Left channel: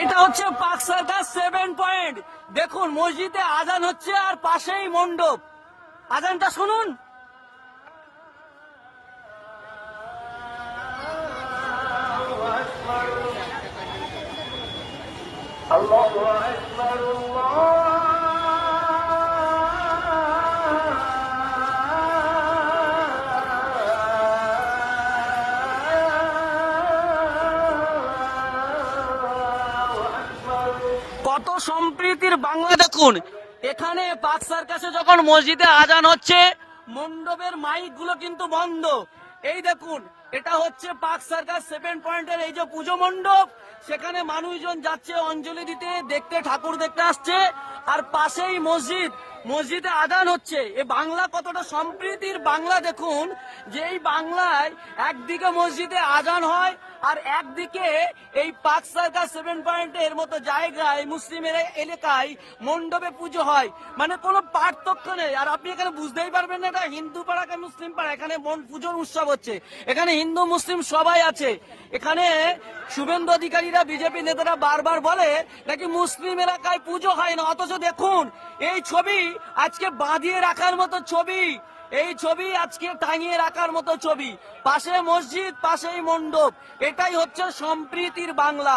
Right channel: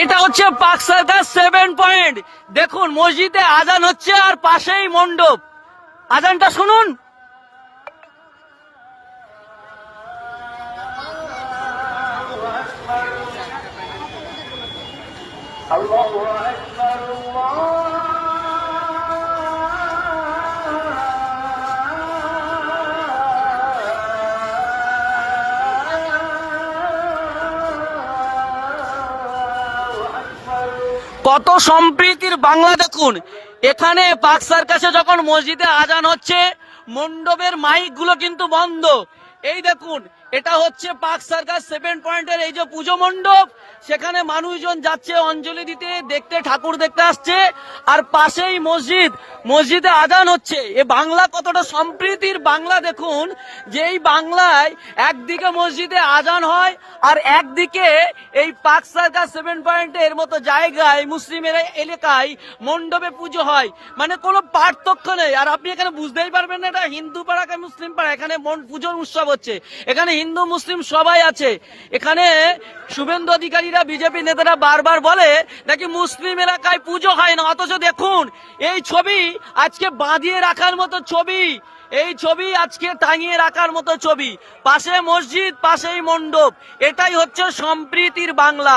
এটা হচ্ছে পাক সার্কাস 7 পয়েন্ট। দেখুন মসজিদে আজান হচ্ছে আর পাশেই মণ্ডপ। আজানটা শুনুন। আল্লাহু আকবার, কত সম্প্রীতির বাংলা দেখুন। এখানে পাক সার্কাসে যখন মসজিদে আজান হচ্ছে, মণ্ডপের মাইক গুলো কিন্তু বন্ধ। এই দেখুন, এটা হচ্ছে পাক সার্কাস 7 পয়েন্টের এই যে পুজো মণ্ডপ, সেখানে মানুষজন যাচ্ছে অঞ্জলি দিতে, দেখতে, ঠাকুর দেখতে আসছে। আর পাশেই মসজিদ, মসজিদে আজান হচ্ছে। এ বাংলা কতটা সম্প্রীতির বাংলা দেখুন, যে এই বাংলায় একদিকে মসজিদে আজান হয় আর একদিকে এই পাক সার্কাস 7 পয়েন্টের মতো জায়গায় মুসলিমের এলাকায় মণ্ডপে পুজো হয়। মানে কোনো পার্থক্য নেই। আর আপনি এখানে বুঝতেই পারবেন না এটা হিন্দু পাড়া কে মুসলিম পাড়া। এখানে পুজোর উৎসব হচ্ছে, এখানে হিন্দু মুসলিম সবাই আছে। এখানে শুভেন্দু অধিকারীরা, বিজেপি নেতারা বারবার বলে নাকি মুসলিম এলাকায় পুজো হয় না, অথচ দেখুন এই ছবি আজকে বাঁধিয়ে রাখার মতো ছবি, এই ছবি আজকে টাঙিয়ে রাখার মতো ছবি। পাশে মসজিদ, পাশেই মণ্ডপ। এটাই হচ্ছে সম্প্রীতির বাংলা।